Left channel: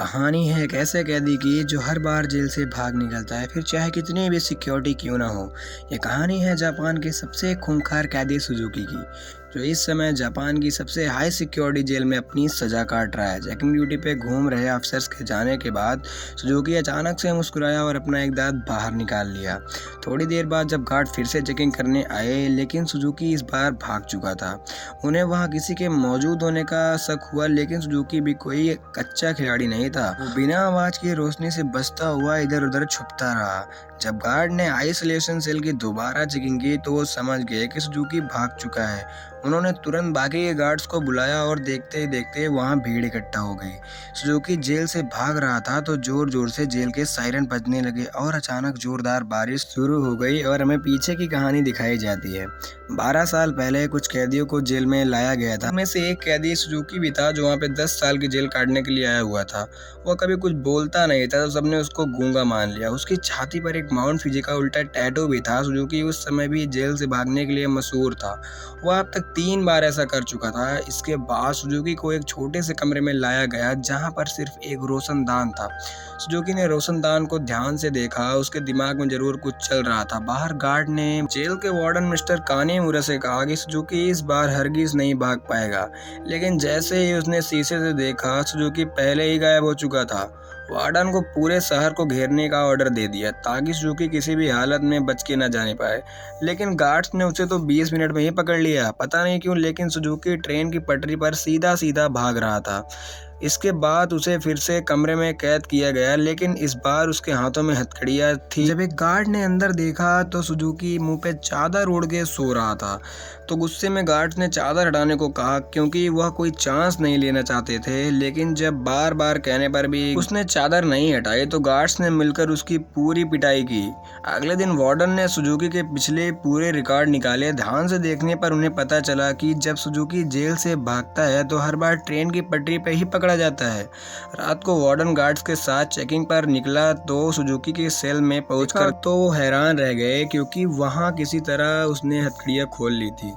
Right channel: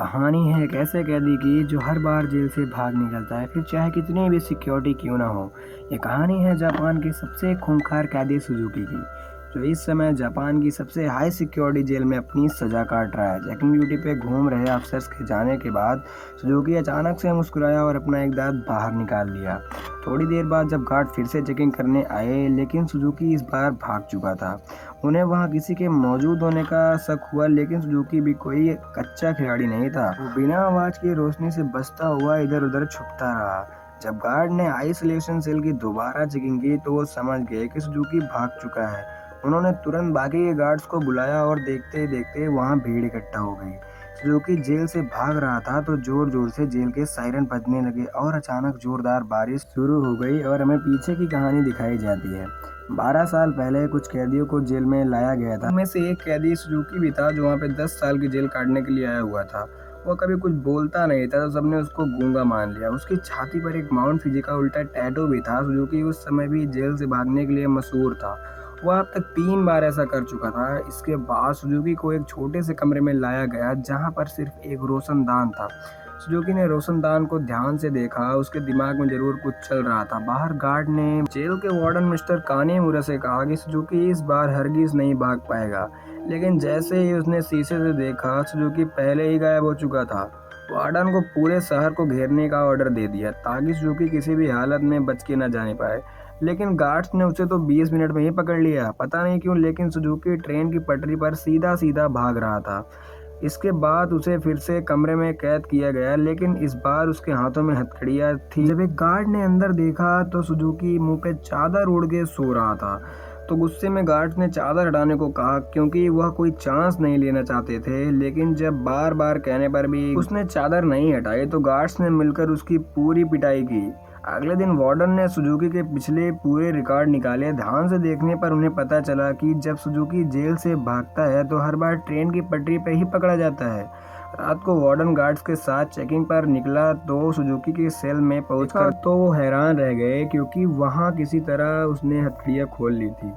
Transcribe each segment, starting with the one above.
कहानी है एक ऐसे कैदी की जो हर बार जेल से भाग निकलता है, फिर चाहे कितनी भी सिक्योरिटी क्यों ना हो। ये कहानी है जापान के सबसे खूंखार कैदी सुजुकी की, जो इस समय जापान की सबसे हाई सिक्योरिटी जेल में अपनी सजा काट रहा है। चेकिंग ड्यूटी पे घूम रहे अफसर्स के जाने के बाद सुजुकी अचानक से मुस्कुराया और अपना एक दांत बाहर निकाल लिया। थोड़ी देर बाद जब गार्ड फिर से चेकिंग करने आए, लेकिन सुजुकी इस बार भाग चुका था। उन्हें वहां किसी के मौजूद होने का शक हुआ, लेकिन सुजुकी भी कोई कच्चा खिलाड़ी नहीं था। वो बिना आवाज की रोशनी से बचता हुआ इधर उधर छुपता रहा। जब गार्ड ने आइसोलेशन सेल की दोबारा चेकिंग की तो वो समझ गए कि सुजुकी भाग चुका है। उन्होंने तुरंत बाकी के गार्ड्स को बुलाया और देखते ही देखते वहां भीड़ इकट्ठा हो गई। सुजुकी जेल से भाग रहा था तो जोर जोर से जेल के सायरन बजने लगे और अचानक जोरदार बारिश शुरू हो गई और हमें पीछे की कहानी दिखाई जाती है। 12 साल पहले कुछ कैदियों को जेल में लाया गया था। उनमें से एक कैदी सुजुकी भी था जो वहाँ पे 10 साल की जेल काटने के लिए आया हुआ था। वो कभी कुछ बोलता नहीं था तो सबने उसको गूंगा मान लिया। उसकी छाती पर एक माउंट फिजी का उल्टा टैटू भी था। सुजुकी उस समय भी जेल से भागने के लिए मशहूर था। वह अब तक 3 बार ऐसा कर चुका था। इसके बाद सुजुकी को एक छोटे से कमरे में लाया गया जहाँ पर सिर्फ एक रोशनदान था। सुजुकी ने रोशनदान को ध्यान से देखा। उसके दिमाग में जरूर कुछ चल रहा था। बाहर गार्ड ने जेल के वार्डन मिस्टर कानेमुरा से कहा कि सुजुकी इस बार हरगिज नहीं भाग पाएगा, लेकिन जैसे ही उसने शीशे से देखा, सुजुकी पहले ही गायब हो चुका था। वार्डन को पूरे शहर को घेरने का ऑर्डर दे दिया ताकि सुजुकी किसी भी हालत में बच के न जाने पाए, लेकिन गार्ड्स ने उसे तो 20 मिनट में ही पकड़ लिया। पता नहीं क्यों, लेकिन सुजुकी ट्रेन की पटरी पर सीधा सीधा भाग रहा था। इसके बाद उसे फिर से कमरे में कैद किया गया, लेकिन इस बार उसके हाथों में हथकड़ियां थी। जब एक गार्ड ने अंदर देखा तो सुजुकी मुंह पे चादर ओढ़ के सो रहा था। तो गुस्से में गार्ड्स ने चादर हटाने को कहा क्योंकि वह कोई चांस नहीं लेना चाहते थे, लेकिन जब बार बार कहने पर भी उसने चादर नहीं हटाई तो गार्ड्स ने मिलकर उसकी पूरी पिटाई की। अगले दिन वार्डन ने सुजुकी के पिछले पूरे रिकॉर्ड निकाले। ध्यान से देखने पर उन्हें पता चला कि जब सुजुकी जेल से भागता है तो हर बार ट्रेन की पटरी पे ही पकड़ा जाता है। रात को वार्डन गार्ड्स के साथ चेकिंग पर निकला तो सुजुकी के सेल में पहुंचकर तो वो हैरान रह गए क्योंकि वहां किसी तरह उसने हथकड़ियां खोल ली थी।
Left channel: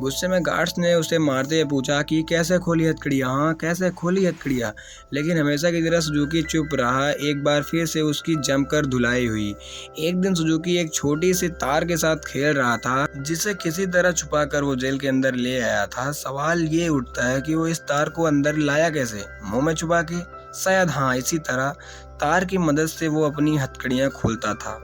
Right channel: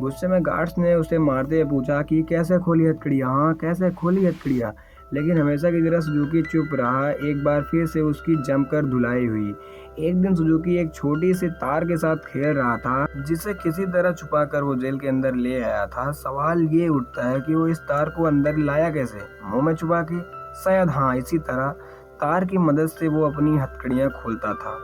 गुस्से में गार्ड्स ने उसे मारते हुए पूछा कि कैसे खोली हथकड़ियां, हाँ कैसे खोली हथकड़ियां, लेकिन हमेशा की तरह सुजुकी चुप रहा। एक बार फिर से उसकी जमकर धुलाई हुई। एक दिन सुजुकी एक छोटी सी तार के साथ खेल रहा था जिसे किसी तरह छुपाकर वो जेल के अंदर ले आया था। सवाल ये उठता है कि वो इस तार को अंदर लाया कैसे, मुंह में छुपा के? शायद हाँ, इसी तरह तार की मदद से वो अपनी हथकड़ियां खोलता था।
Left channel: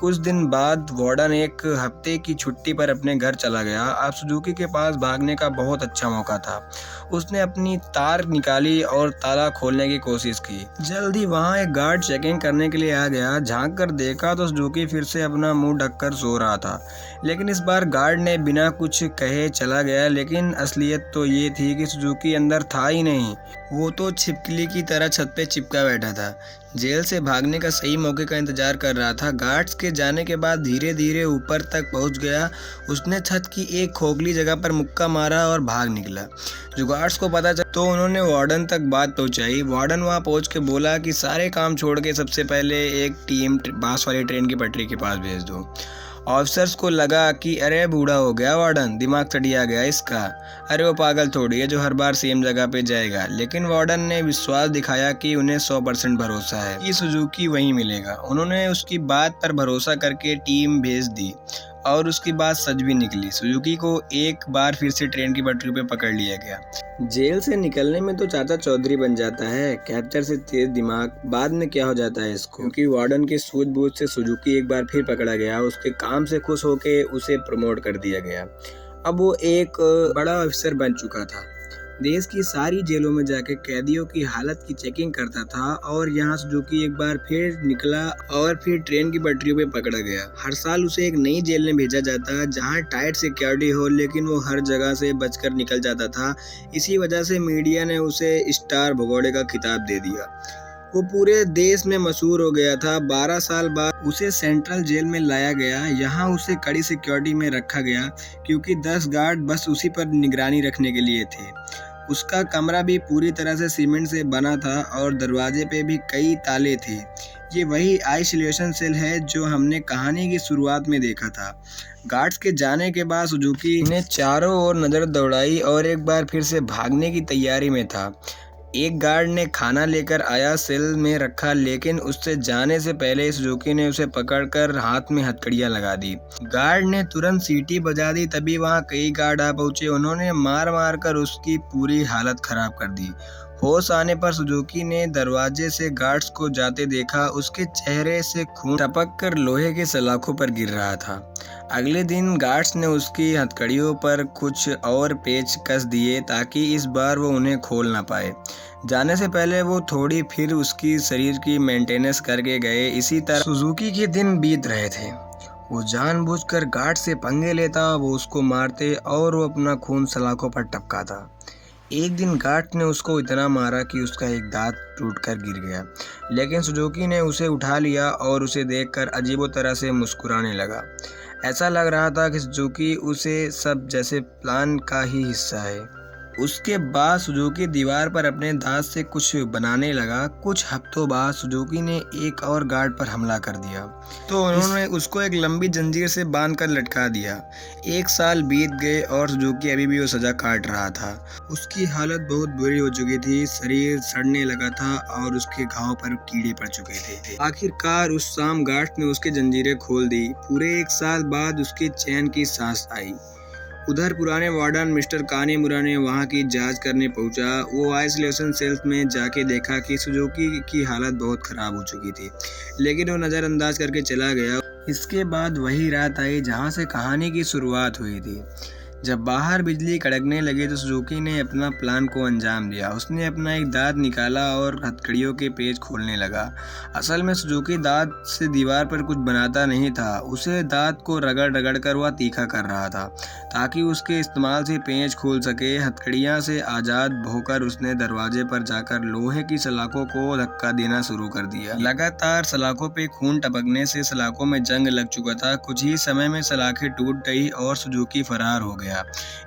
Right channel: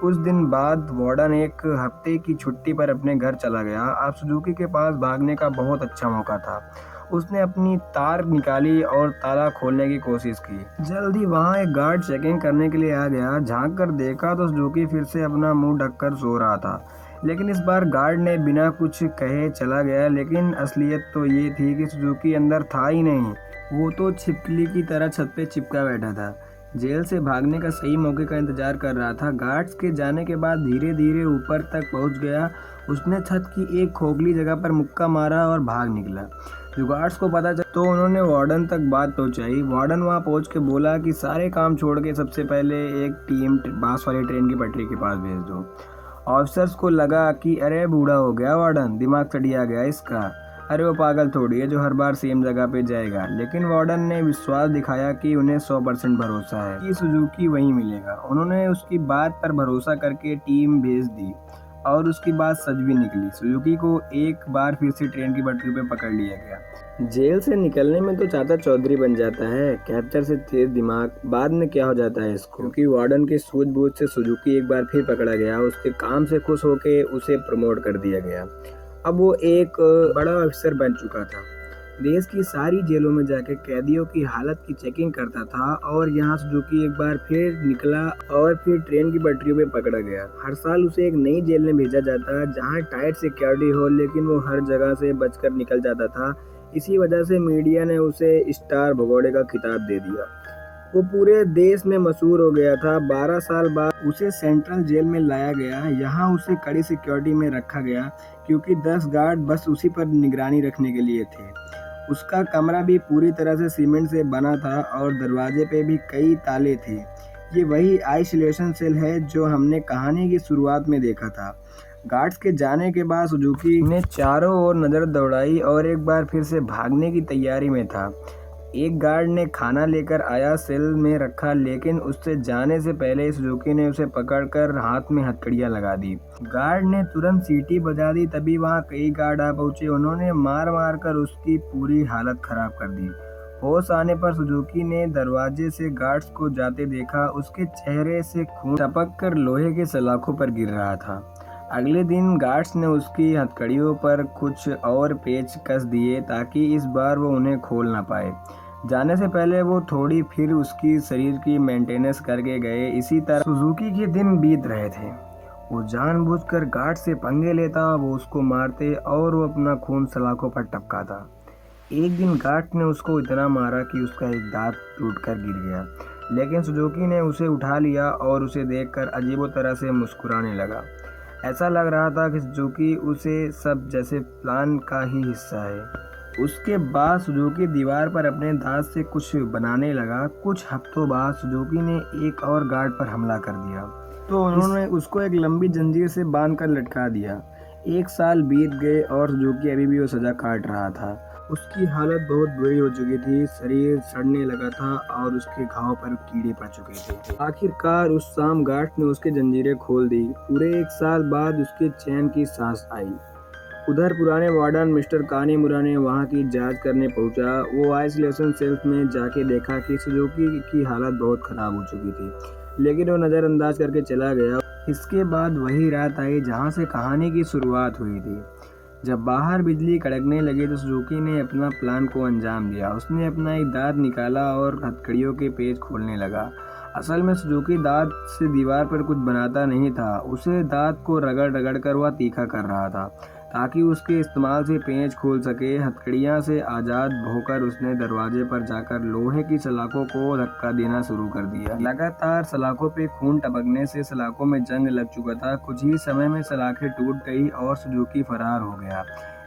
कुछ दिन बाद वार्डन एक हफ्ते की छुट्टी पर अपने घर चला गया। अब सुजुकी के पास भागने का बहुत अच्छा मौका था। उसने अपनी तार निकाली और ताला खोलने की कोशिश की। जल्द ही वहां एक गार्ड चेकिंग करने के लिए आ गया। झांक कर देखा तो सुजुकी फिर से अपना मुंह ढककर सो रहा था, लेकिन इस बार गार्ड ने बिना कुछ कहे चला गया। लेकिन असलियत तो ये थी कि सुजुकी अंदर था ही नहीं, वो तो छिपकली की तरह छत पे चिपका बैठा था। जेल से भागने का सही मौके का इंतजार कर रहा था। गार्ड्स के जाने के बाद धीरे धीरे ऊपर तक पहुंच गया। उसने छत की एक खोखली जगह पर मुक्का मारा और भाग निकला। जो गार्ड्स को पता चला तो उन्होंने वार्डन तक बात पहुंचाई। वार्डन वहां पहुंच के बोला कि सारे काम छोड़ के सबसे पहले एक टीम बांस वाली ट्रेन की पटरी के पास भेज दो। ऑफिसर्स को लगा कि अरे बूढ़ा हो गया वार्डन, दिमाग चढ़िया गया इसका, अरे वो पागल थोड़ी है जो हर बार सेम जगह पे जाएगा। लेकिन वार्डन ने विश्वास दिखाया कि उन्हें 100% भरोसा है कि सुजुकी वहीं मिलेगा। उन्होंने उसकी बात पर भरोसा करके टीम भेज दी और उसकी बात सच भी निकली। सुजुकी को एक बार फिर से ट्रेन की पटरी पे पकड़ लिया गया। जेल से निकलने में तो चाचा चौधरी बन जाता है, कैप्चर से तेज दिमाग। बाद में क्या हो जाता है इसको, क्योंकि वार्डन की सूझबूझ से सुजुकी एक बार फिर पकड़ा गया। उसके काम से खुश होके उसे प्रमोट कर दिया गया। अब वो एक बड़ा अफसर बन चुका था। देश की सारी जेलों में जाके कैदियों की हालत की चेकिंग करता था और यहाँ सुजुकी एक बार फिर निकला और फिर ट्रेन की पटरियों पे पकड़ा गया। हर साल उसे एक नई जेल में भेजा जाता जहाँ टाइट सिक्योरिटी हो, लेकिन वो हर जगह से बचकर निकल जाता था। इसी वजह से मीडिया ने उसे स्टार भगोड़े का खिताब दे दिया। वो पूरे देश में मशहूर हो गया था। 12 साल बाद उसे सेंट्रल जेल में लाया गया। यहाँ उसे कड़ी सिक्योरिटी में रखा गया क्योंकि 10 गार्ड बस उसी पर निगरानी रखने के लिए थे। उसका कमरा भी पूरी तरह से सीमेंट से बना था और दरवाजे पे भी कई ताले थे। ये वही आइसोलेशन सेल है जो हमने कहानी की शुरुआत में देखा था। गार्ड्स के जाने के बाद सुजुकी ने चारों ओर नजर दौड़ाई और एक बार फिर से भागने की तैयारी में था। एक गार्ड ने खाना लेकर आया, सेल में रखा, लेकिन उससे जाने से पहले सुजुकी ने उसे पकड़कर हाथ में हथकड़ियां लगा दी। गार्ड ने तुरंत सीटी बजा दी, तभी वहां कई गार्ड आ पहुंचे। उन्होंने मार मार कर उसकी पूरी हालत खराब कर दी। होश आने पर सुजुकी ने दरवाजे से गार्ड्स को जाते देखा। उसके चेहरे से खून टपक कर लोहे की सलाखों पर गिर रहा था। अगले दिन गार्ड्स ने उसकी हथकड़ियों पर कुछ और पेच कस दिए ताकि इस बार वो उन्हें खोल ना पाए। जाने से पहले वो थोड़ी फिर उसकी शरीर की मेंटेनेंस करके गए। इसी तरह सुजुकी के दिन बीत रहे थे। वो जानबूझकर गार्ड से पंगे लेता, वो उसको मारते और वो अपना खून सलाखों पर टपकाता। एक दिन गार्ड ने उसको इतना मारा कि उसका एक दांत टूटकर गिर गया, लेकिन सुजुकी ने उसे उठा लिया और उसे देखकर अजीबो तरह से मुस्कुराने लगा। ऐसा लग रहा था कि सुजुकी उसे सब जैसे प्लान का ही हिस्सा है। उसके बाद सुजुकी दीवार पर अपने दांत से कुछ बनाने लगा। कुछ हफ्तों बाद सुजुकी ने एक और गार्ड पर हमला कर दिया, तो उन्होंने उसको एक लंबी जंजीर से बांधकर लटका दिया। एक साल बीत गए और सुजुकी अभी भी वो सजा काट रहा था। उसकी हालत बहुत बुरी हो चुकी थी, शरीर सड़ने लगा था और उसके घाव पर कीड़े पड़ चुके थे। आखिरकार उस शाम गार्ड ने उसकी जंजीरें खोल दी। पूरे एक साल बाद उसके चैन की सांस आई। उधर पुराने वार्डन मिस्टर कानेमुरा ने वहां की जांच करने पहुंचा। वो आइसोलेशन सेल्स में जाके देखा कि सुजुकी की हालत बहुत खराब हो चुकी थी, लेकिन वो नज़रअंदाज करके चला गया। इसके बाद वही रात आई जहां से कहानी की शुरुआत हुई थी। जब बाहर बिजली कड़कने लगी तो सुजुकी ने अपना प्लान को अंजाम दिया। उसने अपना एक दांत निकाला और हथकड़ियों के पेच खोलने लगा। असल में सुजुकी दांत से दीवार पर कुछ बनाता नहीं था, उसे दांत को रगड़ रगड़ कर वह तीखा कर रहा था ताकि उसके इस्तेमाल से पेच खोल सके। हथकड़ियां से आजाद होकर उसने दरवाजे पर जाकर लोहे की सलाखों को धक्का देना शुरू कर दिया। लगातार सलाखों पे खून टपकने से सलाखों में जंग लग चुका था। कुछ ही समय में सलाखें टूट गई और सुजुकी फरार हो गया।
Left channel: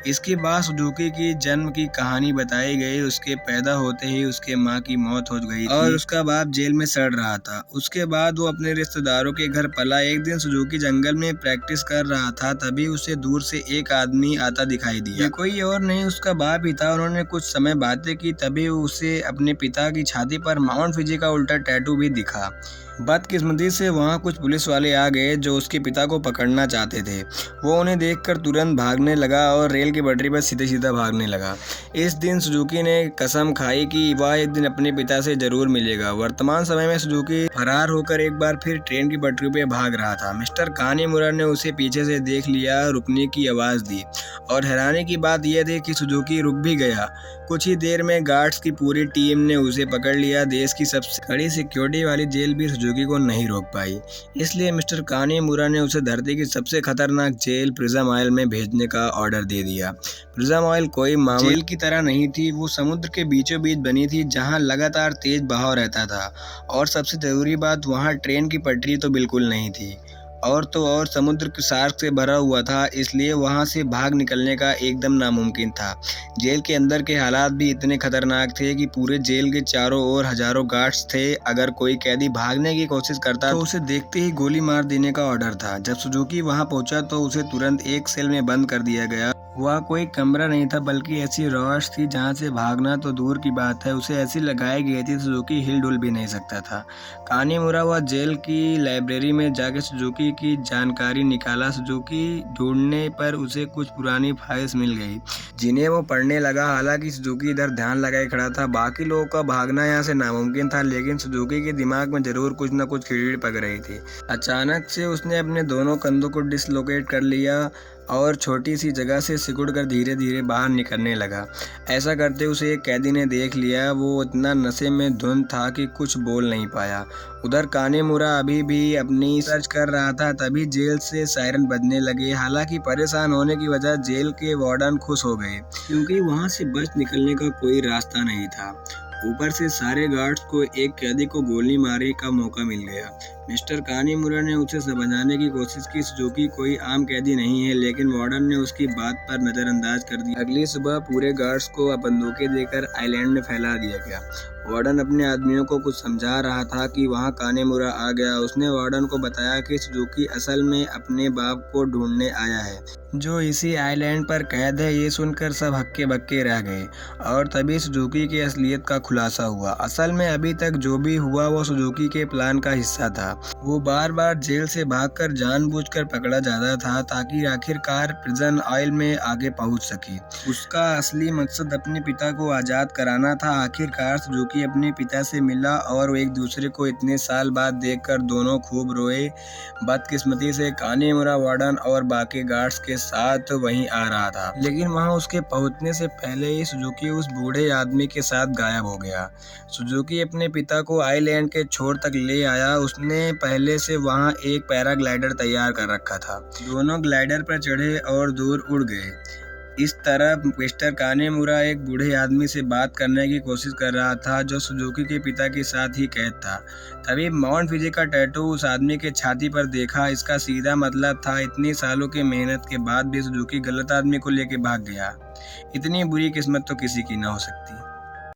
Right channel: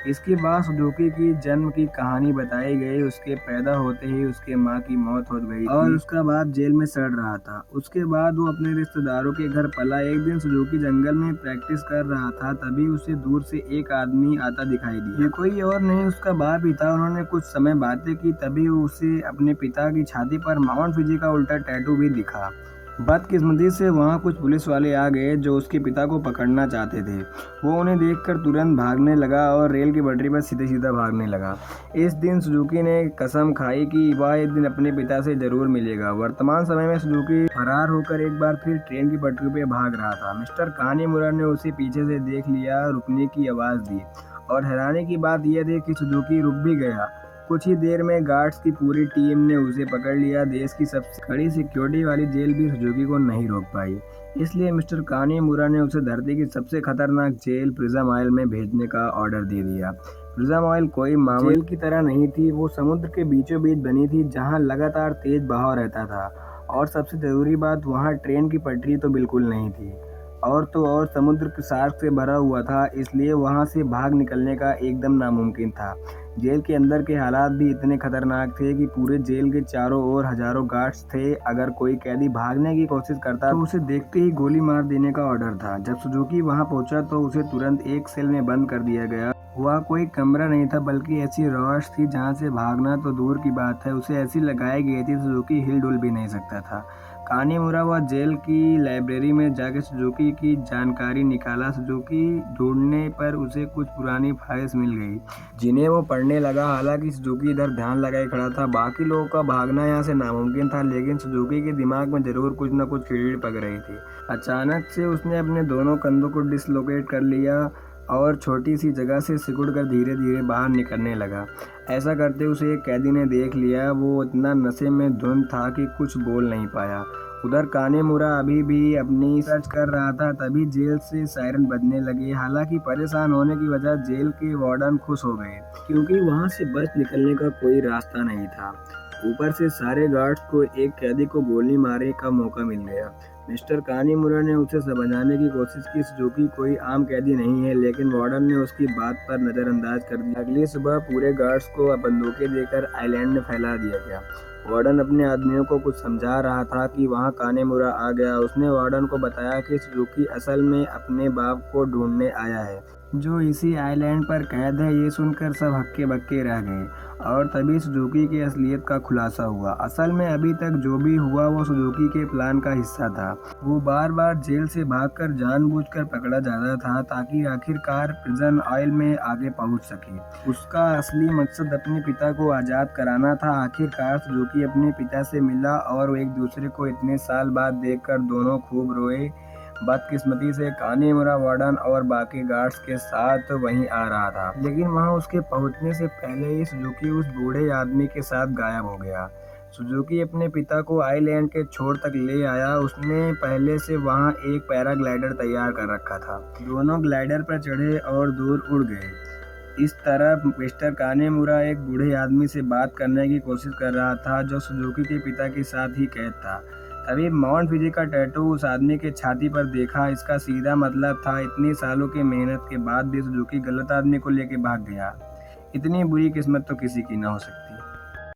इसके बाद सुजुकी की जन्म की कहानी बताई गई। उसके पैदा होते ही उसके माँ की मौत हो गई और उसका बाप जेल में सड़ रहा था। उसके बाद वो अपने रिश्तेदारों के घर पला। एक दिन सुजुकी जंगल में प्रैक्टिस कर रहा था, तभी उसे दूर से एक आदमी आता दिखाई दिया। ये कोई और नहीं, उसका बाप ही था। उन्होंने कुछ समय बातें की, तभी उसे अपने पिता की छाती पर माउंट फिजी का उल्टा टैटू भी दिखा। बदकिस्मती से वहाँ कुछ पुलिस वाले आ गए जो उसके पिता को पकड़ना चाहते थे। वो उन्हें देखकर तुरंत भागने लगा और रेल की पटरी पर सीधे सीधा भागने लगा। इस दिन सुजुकी ने कसम खाई कि वह एक दिन अपने पिता से जरूर मिलेगा। वर्तमान समय में सुजुकी फरार होकर एक बार फिर ट्रेन की पटरी पर भाग रहा था। मिस्टर कानेमुरा ने उसे पीछे से देख लिया, रुकने की आवाज़ दी और हैरानी की बात यह थी कि सुजुकी रुक भी गया। कुछ ही देर में गार्ड्स की पूरी टीम ने उसे पकड़ लिया। देश की सबसे कड़ी सिक्योरिटी वाली जेल भी सुजुकी को नहीं रोक पाई, इसलिए मिस्टर कानेमुरा ने उसे धरती की सबसे खतरनाक जेल प्रिजम आइल में भेजने का ऑर्डर दे दिया। प्रिजम आइल कोई मामूली जेल की तरह नहीं थी, वो समुद्र के बीचों बीच बनी थी जहां लगातार तेज बहाव रहता था और सबसे जरूरी बात, वहां ट्रेन की पटरी तो बिल्कुल नहीं थी और तो और समुद्र के शार्क से भरा हुआ था, इसलिए वहां से भाग निकलने का एकदम नामुमकिन था। जेल के अंदर के हालात भी इतने खतरनाक थे कि पूरे जेल के चारों ओर हजारों गार्ड्स थे। अगर कोई कैदी भागने की कोशिश करता तो उसे देखते ही गोली मार देने का ऑर्डर था। जब सुजुकी वहां पहुंचा तो उसे तुरंत एक सेल में बंद कर दिया गया। वह कोई कमरा नहीं था बल्कि ऐसी रौश थी जहां से भागना तो दूर की बात है, उसे ऐसी लगाई गई थी सुजुकी हिल डुल भी नहीं सकता था। कानेमुरा वह जेल की लाइब्रेरी में जाके सुजुकी की जानकारी निकाला। सुजुकी ढूंढने पर उसे कुछ पुरानी फाइल्स मिल गई जिन्हें वो पढ़ने लगा। हालांकि सुजुकी इधर ध्यान लगाए खड़ा था, बाकी लोगों का भागना यहाँ से नामुमकिन था, लेकिन सुजुकी के दिमाग में जरूर कुछ न कुछ कीड़ पक रही थी। अचानक से उसने अपने दोनों कंधों को डिसलोकेट कर लिया और छोटी सी जगह से सिकुड़कर धीरे धीरे बाहर निकलने लगा। ऐसा करते उसे एक कैदी ने देख लिया। वो इतना नशे में धुंध था कि कुछ बोल नहीं पाया। उधर कानेमुरा अभी भी अपनी सर्च कर रहा था, तभी जेल से सायरन बजने लगे। हालांकि परेशान होने की वजह जेल के वार्डन खुश हो गए क्योंकि वहां से बच निकलने का कोई रास्ता नहीं था। ऊपर से सारे गार्ड्स को एक कैदी को गोली मारने का मौका मिल गया। मिस्टर कानेमुरा ने उसे समझाने की कोशिश की सुजुकी कोई आम कैदी नहीं है, लेकिन वार्डन ने उसकी बात पर नजरअंदाज कर दिया। अगली सुबह पूरे गार्ड्स को बंदूकें देकर आइलैंड में फैला दिया गया। वार्डन अपने आदमियों को कुछ समझा रहा था कि वहां कानेमुरा आ गया। उसने वार्डन को बताया कि सुजुकी असल में अपने बाप को ढूंढने आया है, जो इसी आइलैंड पर कैद है। ये सुनकर सब हक्के बक्के रह गए और तभी सुजुकी की असलियत का खुलासा हुआ। असल में अभी तक जो भी हुआ वो सुजुकी के प्लान का हिस्सा था। वो बार बार जेल से भागकर जानबूझकर पकड़ा जाता था ताकि आखिरकार प्रिजन आइल में आगे पहुंच सके। उसका असली मकसद अपने पिता को आज़ाद कराना था। आखिरकार सुजुकी अपने पिता से मिला और वो एक दूसरे को इतने साल बाद देखकर दोनों खूब रोए। बदकिस्मती से कानेमुरा वार्डन और बाकी गार्ड्स के साथ वहीं आ रहा था, लेकिन वहां उसके पहुंचने से पहले ही सुजुकी उस बूढ़े आदमी के साथ गायब हो गया। सुजुकी अपने पिता को आइलैंड के छोर तक ले आया। उसने पहले से वहां एक पैराग्लाइडर तैयार कर रखा था। दोनों ग्लाइडर पर चढ़े और दूर उड़ गए। इस तरफ मिस्टर कानेमुरा एक बूढ़े आदमी से बात करने की कोशिश कर रहा था जो सुजुकी के पिता के साथ ही कैद था। तभी माउंट फिजी का टैटू उस आदमी के छाती पर देखा। इसका सीधा मतलब था इतनी सालों की मेहनत के बाद भी सुजुकी गलत आदमी को लेकर भाग गया। इतनी बुरी किस्मत तो किसी की ना हो सकती।